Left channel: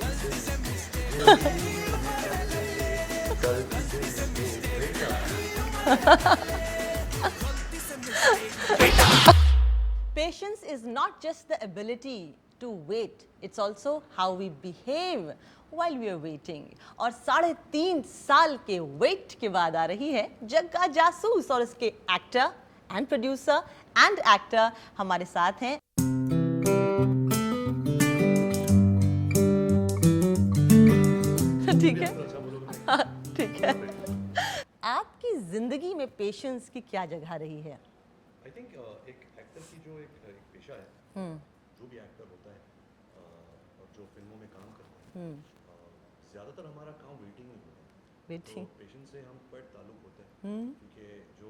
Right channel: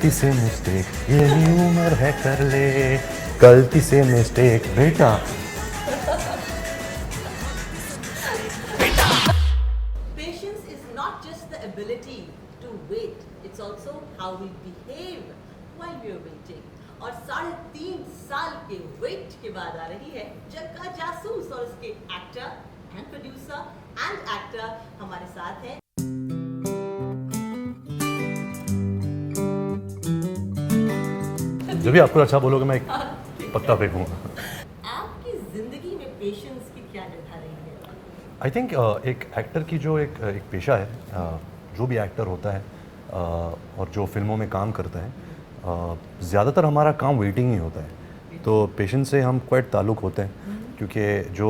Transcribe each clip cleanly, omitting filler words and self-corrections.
गलती से मिस्टेक यही उम्र है कर ले, गलती से मिस्टेक बेटा। Patience is not just the ability to wait, it's also how we behave while we are waiting. और 3.5 साल के वेट के बाद आ रही है जग्गा जासूस और इसके actor and producer and actor हमारे साथ हैं। जब भी आपको अच्छा बोलोगे मैं एक पत्ता फेंकूंगा। आपकी जिंदगी में पेशेंस की क्या जगह रही है? आई थिंक एक एक्टर की जो एक पेशा है, जो भी एक्टर होता है और जो फिल्मों में काम करता है, ज़्यादातर हमारा काम वेटिंग ही होता है। तो पेशेंस से हम क्वाइट ताल्लुक़ होते हैं, क्योंकि जो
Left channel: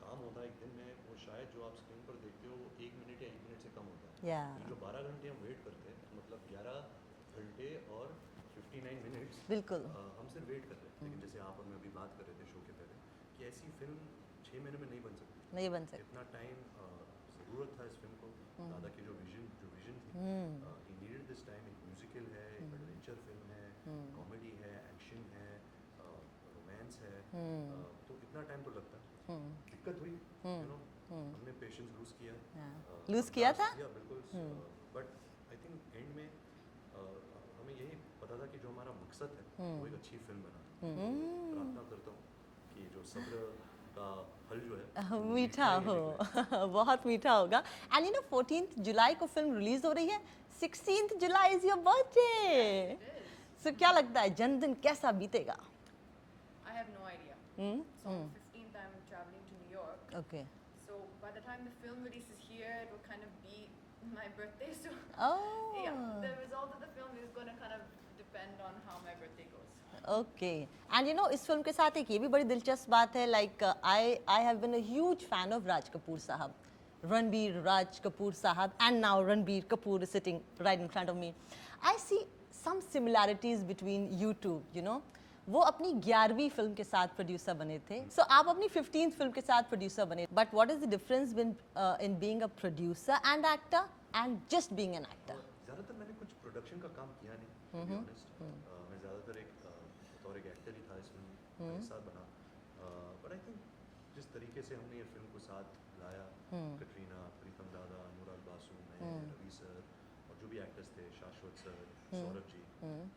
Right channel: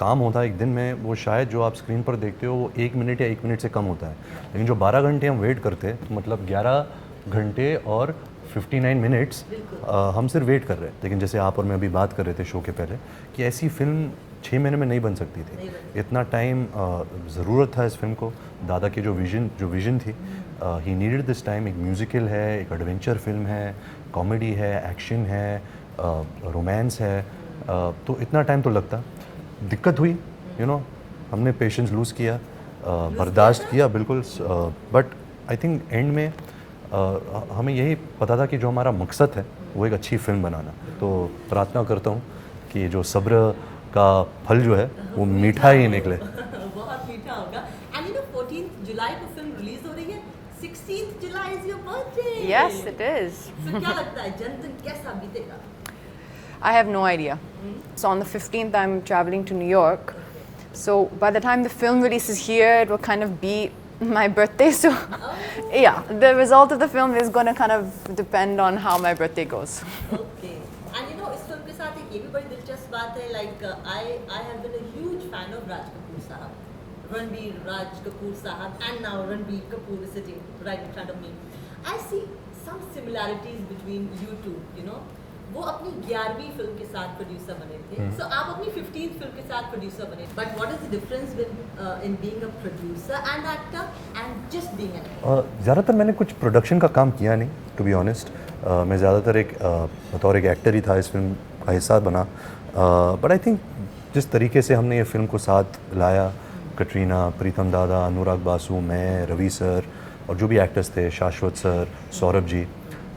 काम होता है एक दिन में वो शायद जो आप स्क्रीन पर देखते हो वो 1 मिनट या 1 मिनट से कम होता है, लेकिन जो 12 घंटे हम वेट करते हैं तो मतलब 11 घंटे और 59 मिनट्स हम सिर्फ वेट कर रहे हैं। लेकिन जैसे आप और मैं अभी बात कर रहे थे शो के पहले कि ऐसी फिल्म 6 महीने में नहीं बन सकती थी, इतना टाइम ज़रूरत था इस फिल्म को। दादा की जो विज़न थी, ही नीडेड दिस टाइम। एक म्यूज़िकल है, एक एडवेंचर फिल्म है, कॉमेडी है, एक्शन है, रोमांस है, तो इतना टाइम तो लगता। दिक्कत हुई, हमने पेशेंस लूज़ किया, बर्दाश्त किया बिल्कुल, बट आई थिंक एंड में हमें यही पता था कि जो हमारा मकसद है वो एक अच्छी फिल्म बनाना। तो प्रार्थना करता हूँ कि जो सब्र का फल जो है वो मीठा ही निकले। बहुत मीठा होगा। एंड 14 जुलाई को फिल्म रिलीज हो रही है, 16 जुलाई is your birthday. Yes, it is. So क्या लगता है जन्मदिन कैसा बीतेगा? I have no idea. So on the 15th, I'm traveling to New York. So by the time the film releases here, it will kind of be my birthday. So yeah, the result of the film is going to kind of depend on how my birthday goes. Okay. And इस film के साथ एक ये भी बड़ी दिलचस्प बात है, like I have been a huge fan of Raj Kapoor sahab, Ranbir Raj Kapoor sahab, and now Ranbir Kapoor is sitting right in front of me. I see some similarities between you two, वो अपनी 11वीं फिल्म के साथ प्रोड्यूसर बने थे, सो आप अपनी 15th फिल्म के साथ प्रोड्यूसर बने, but what is the difference in being a producer and actor and just being an actor? ज़्यादातर मैंने कुछ प्रोडक्शन का काम किया नहीं, टू बी ऑनेस्ट। मैं ज़्यादातर बतौर एक एक्टर ही था, इस फिल्म का हिस्सा बना। बट आई थिंक जिस तरीके से हमने ये फिल्म को साथ लाया, कटरीना, प्रीतम दादा, अनुराग बासु, मैं, रवि सर और जो भी एक्टर्स थे, Shashwat sir, Saurabh ji,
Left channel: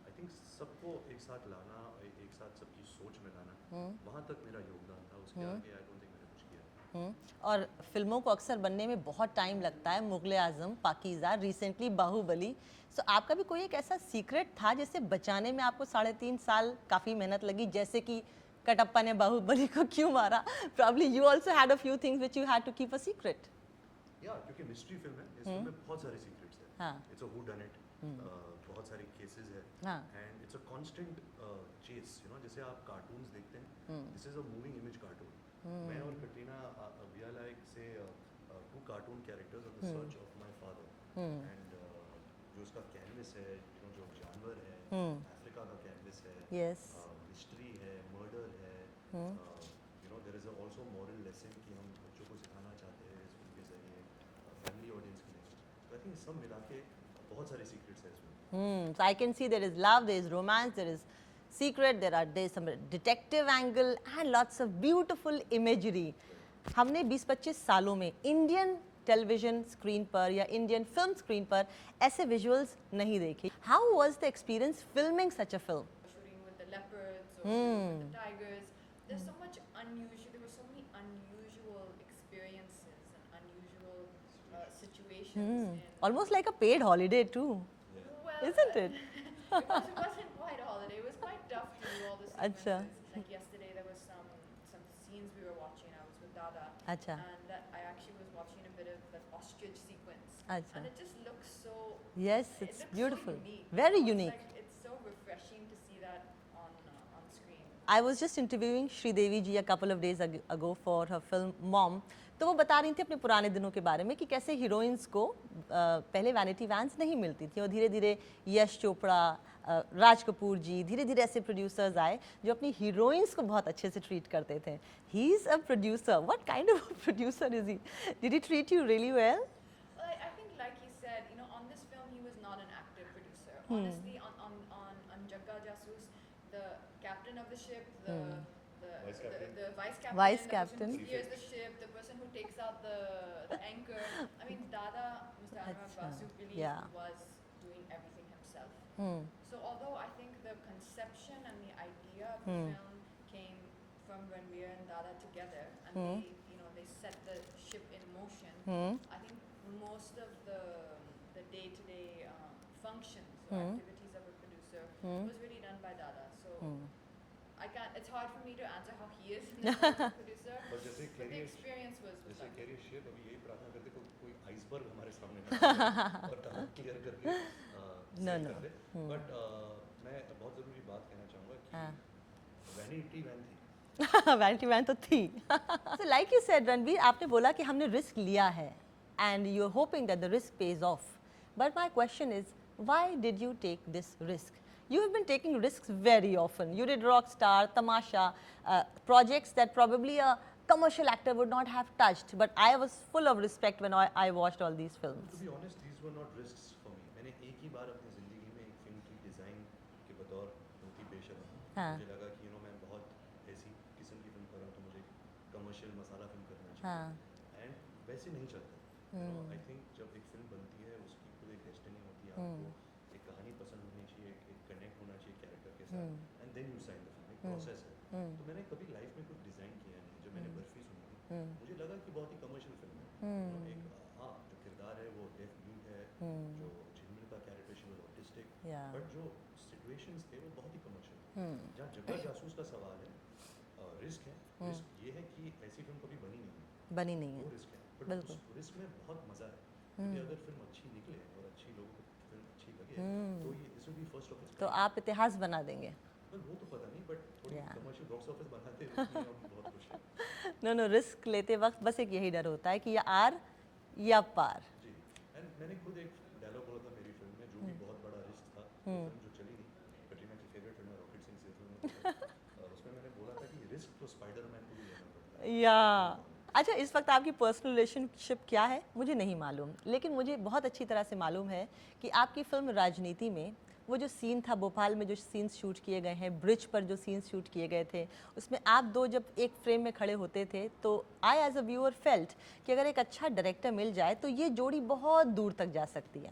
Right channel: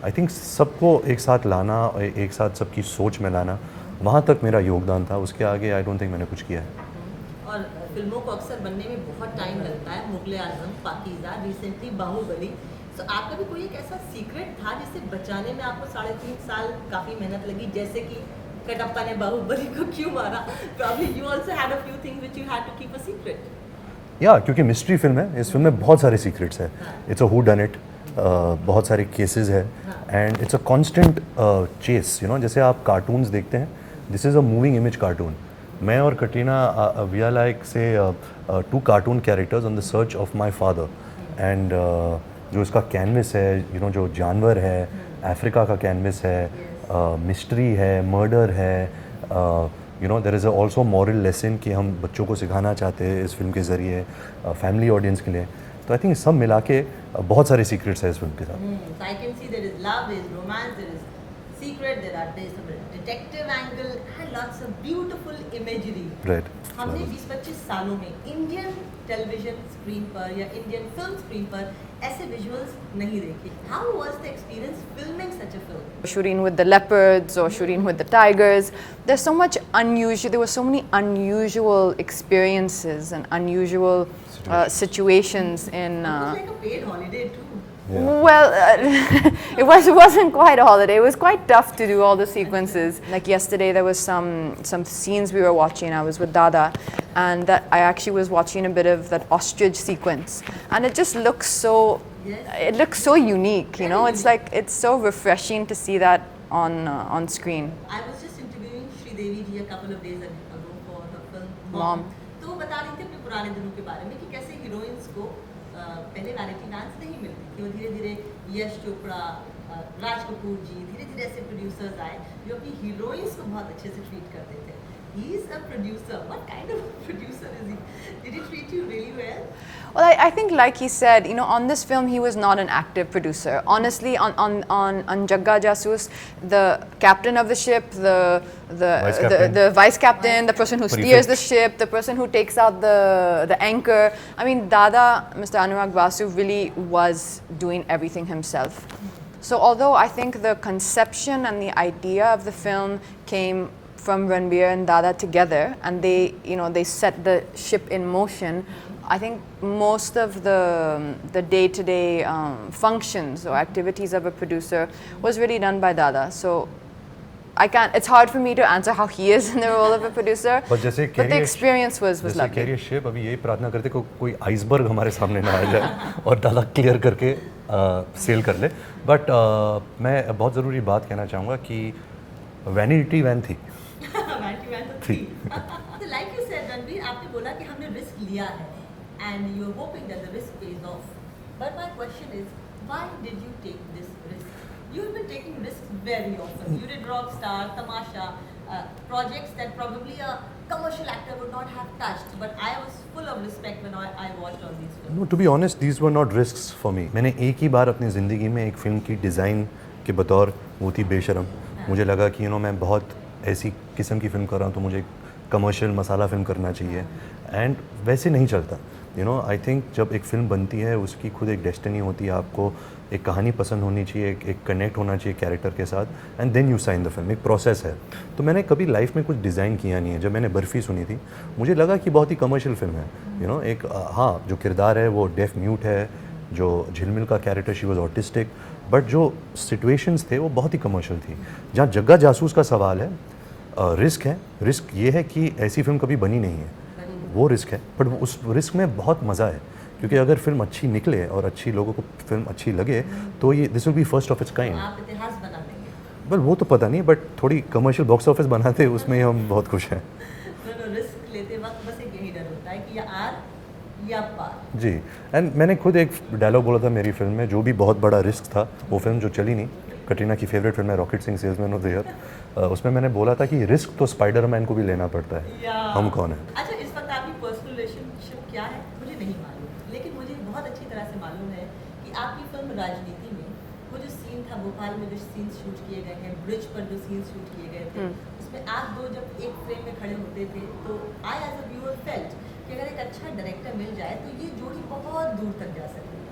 I think सबको एक साथ लाना, एक साथ सबकी सोच में लाना, वहाँ तक मेरा योगदान था। उसके आगे आई डोंट थिंक मैंने कुछ किया है। और फिल्मों को अक्सर बनने में बहुत टाइम लगता है, मुगले आजम, पाकीज़ा, रिसेंटली बाहुबली। तो आपका भी कोई एक ऐसा सीक्रेट था जिसे बचाने में आपको 3.5 साल काफ़ी मेहनत लगी, जैसे कि कटप्पा ने बाहुबली को क्यों मारा? Probably you also had a few things which you had to keep a secret. या क्योंकि मिस्ट्री फिल्म है, इस फिल्म में बहुत सारे सीक्रेट्स हैं। It's a whodunit, बहुत सारे केसेस है, and it's a constant chase. जैसे आप कार्टून्स देखते हैं, this is a moving image cartoon. मैं और कटरीना वी आर लाइक से 2 cartoon characters on the search of my father. And जो इसका कैनवस है, जो जानवर है, अफ्रीका का कैनवस है, मिस्ट्री है, मर्डर है, there is also moral lesson कि हम बच्चों को सिखाना चाहते हैं इस फिल्म के ज़रिए, फैमिली ऑडियंस के लिए। तो आई थिंक सब मिला के बहुत सारे सीक्रेट्स हैं इस फिल्म के साथ। I can see there is love, there is romance, there is secret, there is some detective angle and lots of beautiful imagery. Right. हमने 20-25 सालों में इंडियन टेलीविजन स्क्रीन पर या इंडियन फिल्म स्क्रीन पर ऐसे विजुअल्स नहीं देखी। How was the experience filming such a film? Shooting with the leopards or shooting with the tigers, there's so much unusual. There were so many unusual experiences and unusual situations in. Almost like a paid holiday too. Yeah. Well, it wasn't quite a holiday. It was quite tough to do all the sequences. Like yesterday, there was some scenes we were watching. I was with Dada, and that I actually was watching a bit of that ostrich sequence, and it just looks so. Yes. It looks so unique. Very It's unique. like it's so refreshing to see that on screen. I was just interviewing Sridevi ji a couple of days ago for her film Mom. Mom. तो वो बता रही थी अपने पुराने दिनों के बारे में कि कैसे हीरोइंस को पहले वैनिटी वैन्स नहीं मिलती थी, और धीरे धीरे यश चोपड़ा, राज कपूर जी, धीरे धीरे ऐसे प्रोड्यूसर्स आए जो अपनी हीरोइंस को बहुत अच्छे से ट्रीट करते थे। he's a producer. What kind of producer is he? Did he treat you really well? Well, I think, like he said, you know, on this film, he was not an active producer. Honestly, on Jagga Jasoos, the captain of the ship, the vice captain, the person who steers the ship, the person who takes out the anchor. I mean, Dada, Mr. Anurag Basu, really was doing everything himself. So although I think the conception and the idea of the film came from Ranbir and Dada together, and they, you know, they set the ship in motion. I think most of the day-to-day functions or activities of a producer was really done by Dada. So I can't. It's hard for me to answer how he is in the role of a producer. But the experience was lovely. Career shape अभी यही प्रार्थना करते कोई iceberg हमारे सामने ना आ जाए और दादा क्लियर करके सेल कर ले. बट मैं बहुत ज़रूरी बात कहना चाहूँगा कि वैनिटी वैन थी. वैनिटी वैन तो थी. So like you said, Ranbir, आपने बोला कि हमने रिस्क लिया है, and you're hoping that the risk pays off. But my question is, why did you take this risk? You've been taking risks very often. You did Rockstar, Tamasha, projects that probably a commercial actor would not have touched. But I was full of respect when I watched all these films. No, to be honest, these were not risks for me. मैंने एक ही बार अपनी ज़िंदगी में एक film की design के बतौर वो थी बेशरम. मुझे लगा कि मैं बहुत ऐसी किस्म की फ़िल्म कर रहा हूँ तो मुझे कमर्शियल मसाला फ़िल्म करना चाहिए. एंड वैसे नहीं चलता. आई थिंक जब एक फ़िल्म बनती है उसकी खुद एक डेस्टिनी होती है. आपको एक कहानी पसंद होनी चाहिए, एक कनेक्ट होना चाहिए कैरेक्टर के साथ, and then you sign the film. एक प्रोसेस है. तो मैंने कभी लाइफ में कुछ डिज़ाइन किया नहीं है. जब मैंने बर्फ़ी सुनी थी मुझे लगा कि बहुत ही कमर्शियल फिल्म है. एक हाँ, जो किरदार है वो डेफ म्यूट है, जो झिलमिल का character she was autistic, but जो सिचुएशंस थे वो बहुत ही कमर्शियल थी. जहाँ जग्गा जासूस का सवाल है, रिस्क है. रिस्क ये है कि ऐसी फिल्म कभी बनी नहीं है, वो रिस्क है. बट उस रिस्क में बहुत मज़ा है, क्योंकि अगर फिल्म अच्छी निकले और अच्छी लोगों को फिल्म अच्छी लगे तो ये this will be first of its kind. आप इतिहास बना देंगे. बल वो तो पता नहीं, बट थोड़ी कमर्शियल बॉक्स ऑफिस बनाते उसमें हम बहुत खुश हैं. रिस्क लेते वक्त बस एक यही डर होता है कि या आर या पार. जी. एंड मैंने खुद एक डायलॉग बोला था मेरी फिल्म में, जो भी बहुत बड़ा रिस्क था. वो फिल्म जो चली नहीं, कटरीना की फेवरेट फिल्म है rocket Singh salesman of the year. उसमें मैंने बोला था कि रिस्क तो स्पाइडरमैन को भी लेना पड़ता है. हम कौन है? अच्छा, इस वक्त आपकी पर्सनल रिलेशनशिप क्या है मुझे नहीं मालूम, लेकिन मुझे बहुत अच्छी तरह से मालूम है कि आपकी फिल्म राजनीति में वो जो सीन था, भोपाल में जो सीन शूट किए गए हैं, ब्रिज पर जो सीन शूट किए गए थे, उसमें आप दो जब एक फ्रेम में खड़े होते थे तो I as a viewer felt कि अगर एक अच्छा डायरेक्टर मिल जाए तो ये जोड़ी बहुत दूर तक जा सकती है.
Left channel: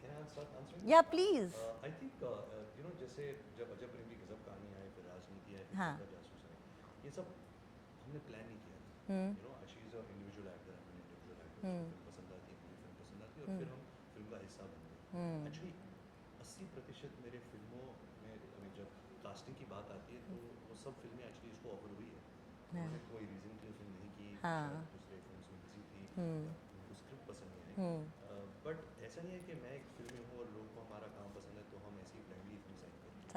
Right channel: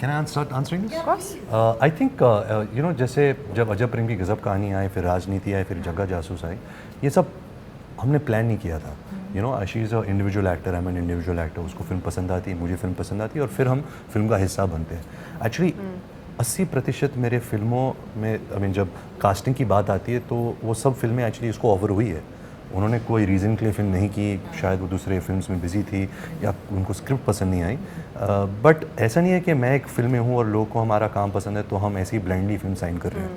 Can I start answering this? Yeah, please. I think जैसे जब अजब प्रेम की गजब कहानी आई, फिर राजनीति आई, फिर जग्गा जासूस आई, ये सब हमने प्लान नहीं किया था. She is a individual actor, I am an individual actor. उसको फिल्म पसंद आती है, मुझे फिल्म पसंद आती है, और फिर हम फिल्म का हिस्सा बनते हैं. एक्चुअली 80% मेरे फिल्मों में जब कास्टिंग की बात आती है तो वो सब फिल्में एक्चुअली इसको ऑफर हुई है. उन्होंने कोई रीज़न के लिए फ़िल्म नहीं की, शायद वो दूसरे फिल्म्स में बिज़ी थी या उनको स्क्रिप्ट पसंद नहीं आई. बट ऐसा नहीं है कि मैं एक फिल्म में हूँ और लोगों को हमारा काम पसंद है तो हम ऐसी ही ब्लाइंडली फिल्म साइन कर रहे हैं.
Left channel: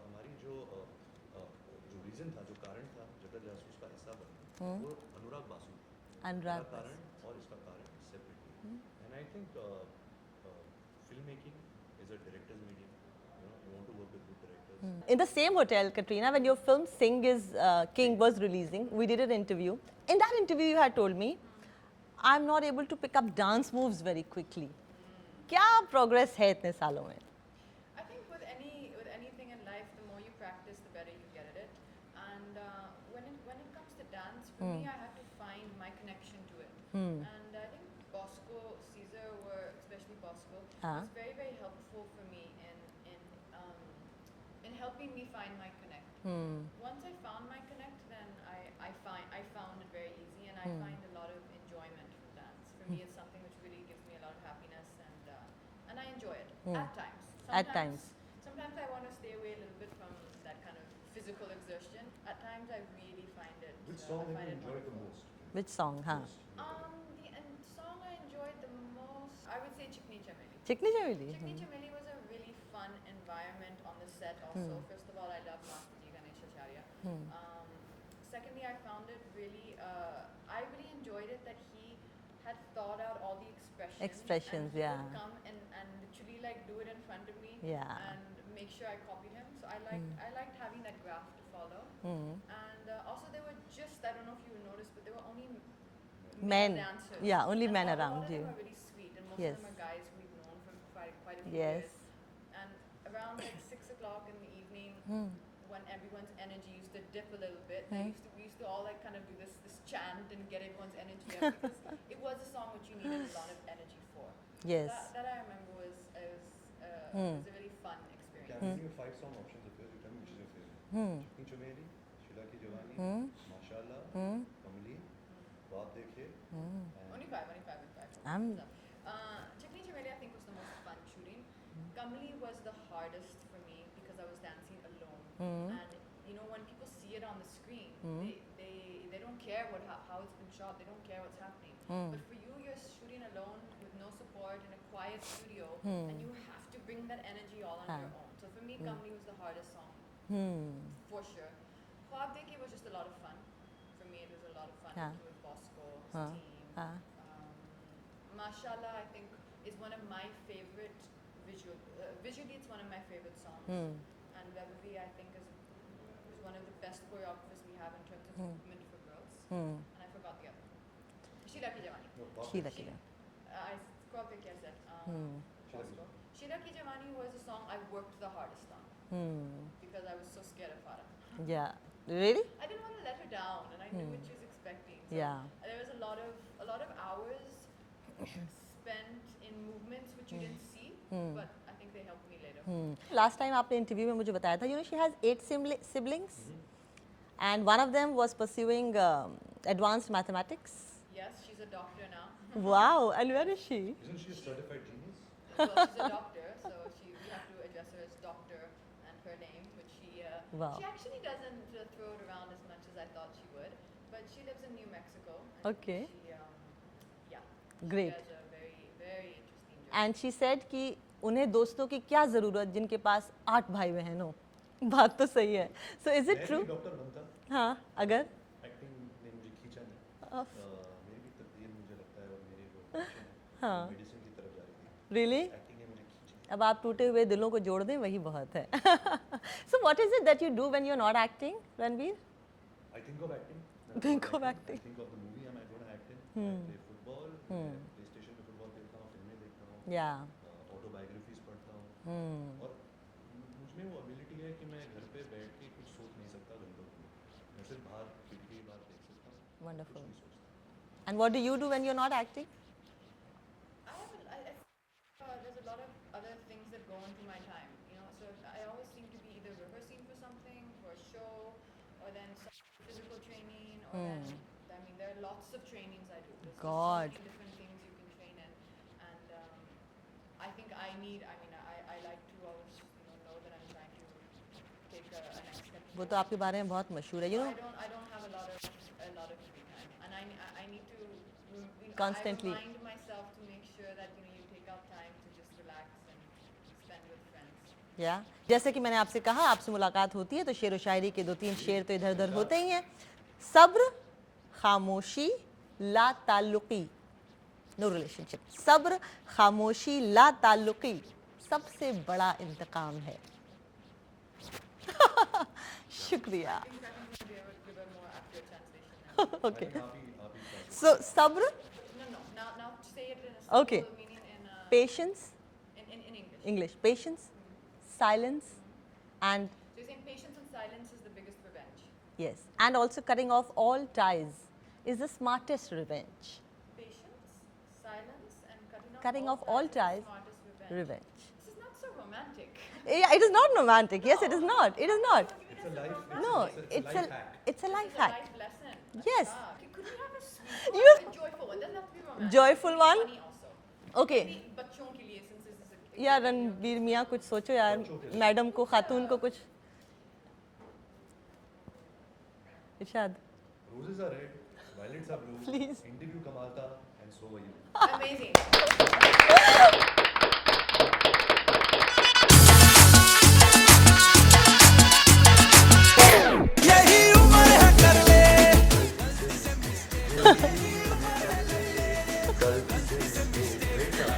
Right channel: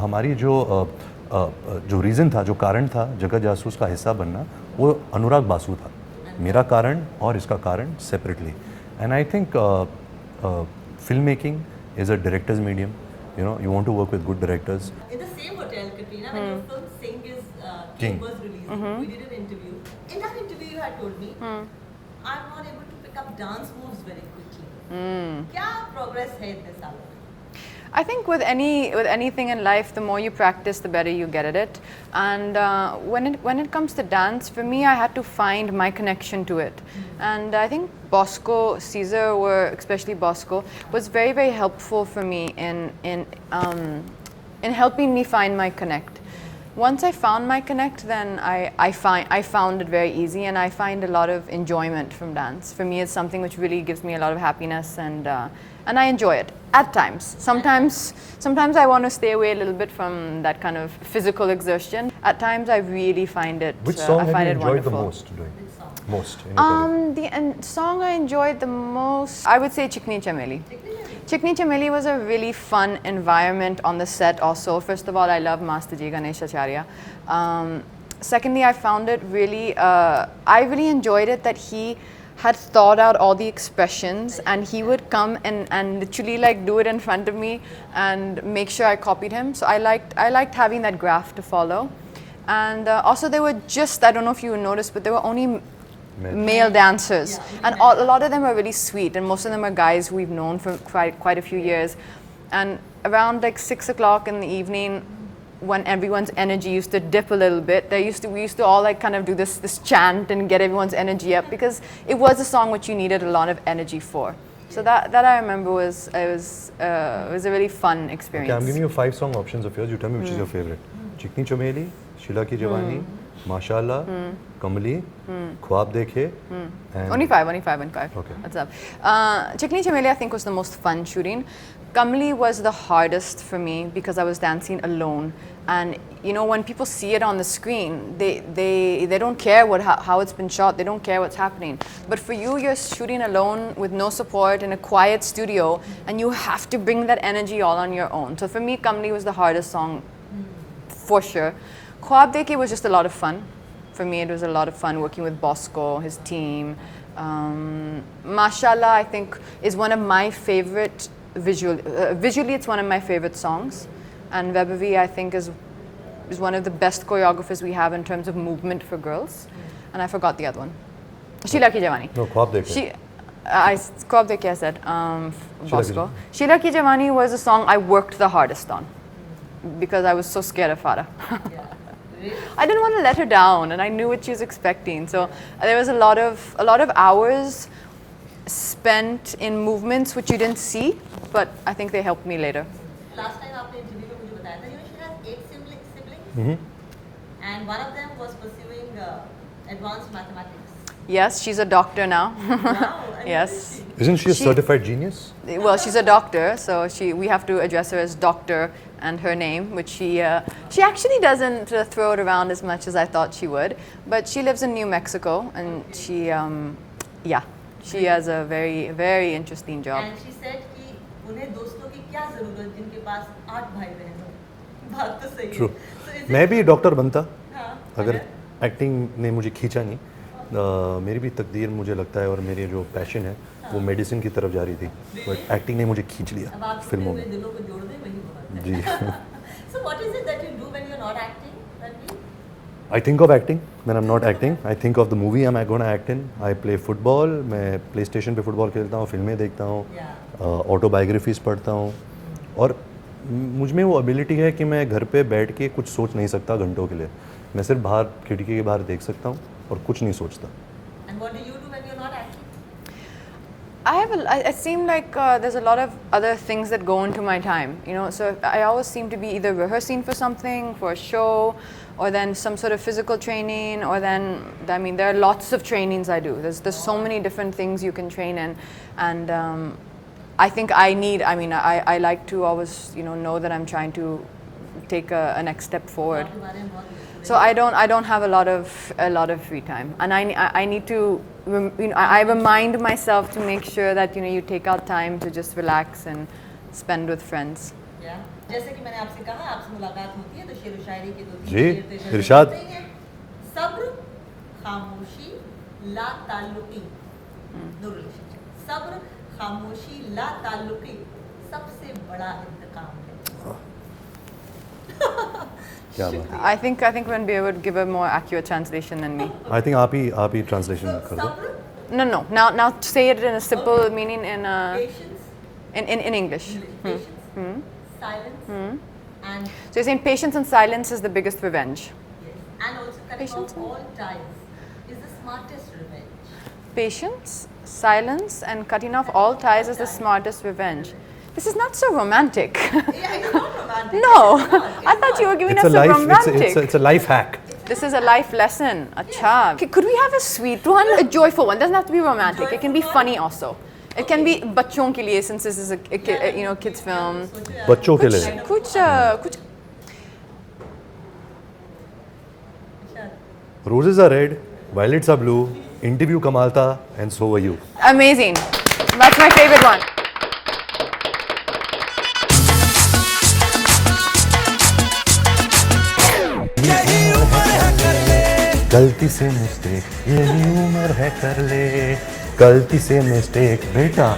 हमारी जो रीज़न था, जो कारण था जग्गा जासूस का हिस्सा बनना, वो अनुराग बासु था. मेरा कारण और इसका कारण separately. And I think film making is a directors medium. You want to work with good directors. In the same hotel, Katrina, when your film Sing is King was releasing, we did an interview. In that interview, you had told me, I'm not able to pick up dance moves very quickly. क्या progress है इतने सालों में? I think with anything in life, the more you practice, the better you get at it. And when it comes to dance, for me, I had to find my connection to it. And I think Bosco, Caesar, especially Bosco, was very, very helpful for me in helping me find my connect. Once I found my connect, then I found it very easy, and I find a lot of enjoyment from dance. For me, it's something which really gives me a lot of happiness, and I enjoy it at times. Sometimes I want to stay away a little bit from that kind of physical exertion. At times, I really find it. Which song I have find you it enjoyed wonderful. the most doing? Which song? Most in your career? The song I enjoyed the most, I would say Chikni Chameli. Chikni Chameli was a really fun environment on the set also. First of all, I love Master Ji Ganesh Acharya. Secondly, I found it really, I really enjoyed it that he had thought out all the expressions, and he would come and literally like do it in front of me and make sure I copied him. So I liked having that graph to follow. And also there were just, I don't know if you noticed, but there were only male dancers. Yeah, only And male a lot of them are really sweet, and most of them are guys we've known for quite a few years. And around like 6 o'clock in the evening, when everyone's energy used to dip a little bit, we used to all like kind of do this chant and get everyone's energy up because it was a song which you needed a lot of energy for. So Yes. that I remember was a really fun Okay, experience. I'm giving you 5 song options of yours. You tell me which is your favorite. Chikni Chameli, Sheila Ki Jawani, Mashallah, Kamali, Khwab Dekhe, and Only five. Okay. What's up? Chikni Chameli I think was the most fun shooting. Kamli was the hardest for me because I was dancing alone. And you know, when people see it on the screen, they don't care how it's been shot, they don't care what's happening. But for you, you're shooting alone with no support in a quiet studio, and you have to bring that energy all on your own. So for me, Kamli was the hardest song for sure. Khwab Dekhe was just a lot of fun. For me, it was a lot of fun working with Bosco, his team. Mashallah, I think, is one of my favorite visually, it's one of my favorite songs. And Vaibhavi, I think, is one of the best choreographers we have in terms of movement for girls. And I forgot the other one. Sheila Ki Jawani. No, Khwab Dekhe. Khwab Dekhe I said, Bosco. Sheila Ki Jawani was a song I worked the hardest on because I was so scared of Farah. Yeah. Really? I didn't want to let her down, and I knew what she was expecting. So there was a lot of hours spent in movements which you didn't see, but I think they helped me later. Last time आपने interview में मुझे बताया था, you know, she has 8 siblings, and one of them was pursuing advanced mathematics. Yes, she's a doctor now. Wow, and Yes. where is she? Isn't she a certified genius? Well, she's a doctor, so we have to address her as doctor and her name, which she actually doesn't throw it around as much as I thought she would. But she lives in New Mexico, and she has a very, very interesting job. And she said कि उन्हें दोस्तों की क्या ज़रूरत जिनके पास 8 भाई बहन हो. बात तो सही है. True. So is it मैं भी डॉक्टर बनता हाँ, अगर एक्टिंग ने मुझे खींचा नहीं. मेरी भी तकदीर मुझे लगता है और मेरी जो पैशन है वो मेडिसिन की तरफ जा रही थी. Really? एक्टिंग ने मुझे खींच लिया अब आप टूटे फिल्मों हुए में. दिलों को जोड़ दें वही बहुत है. जी. So what is it that you do when you're not acting, Ranveer? I think of acting when I'm not acting. I think of the movie I'm going to act in. I play football. मैं PlayStation पे football खेलता हूँ, फिल्में देखता हूँ, autobiographies पढ़ता हूँ. और मुझ में वो एबिलिटी है कि मैं घर पे बैठ के कुछ सोच नहीं सकता घंटों के लिए. मैं सिर्फ बाहर खिड़की के बाहर देख सकता हूँ और कुछ नहीं सोचता. And what do you do when you're not acting? It seemed like there's a lot of other things that go into my time, you know. So I always seem to be either rehearsing for something, for a show, or then some sort of physical training, or then, I mean, there are lots of trainings I do. There's so many different things you can train in, and I think I like to always, you know that I'm trying to take a next step forward. आपके बारे में बहुत मशहूर है. So I don't have a lot of free time, and I need to, I remind myself to make sure that you take out time to just relax and spend with friends. Yeah. जैसे कि मैंने आपसे कहा, आपसे मुलाकात होती है तो शेर व शायरी के 2-3 जी, शेर तो इधर इरशाद. होते ही हैं. सब्र, खामोशी, ला ताल्लुकी. No relationship. सब्र, खामोशी, ला ताल्लुकी. सबसे बड़ा इंतकाम है. क्या बात. I think Ranbir would give a more accurate translation than me. I think आप ही translation So कर दो. सब्र, No. Now say it in a simple Okay. meaning patience, in English. patience, silence, and So you're saying patience and silence is the biggest revenge. yes, and also cutting off all ties is the smartest revenge. Patience, silence, and cutting off all ties is the smartest revenge. This is not so romantic. Yeah, it is not romantic. No, Yes, it is not. It I is thought not. you were giving It's us a life. romantic. It's a life hack. This is a life lesson. Acha. Okay, could we have a sweet one, a joyful one? Doesn't have to be romantic. It can be Joyful one? funny also. It can be bachon ke liye, since this is a Yeah, kids film. सोचो यार, बच्चों के कुछ लिए. item कुछ को खाने कुछ इरशाद. Roses are red, violets are blue. Interview कमाल था, and so were you. amazing. That's my favorite one. यही उम्र है कर ले गलती से मिस्टेक, यही उम्र है कर ले. गलती से मिस्टेक बेटा.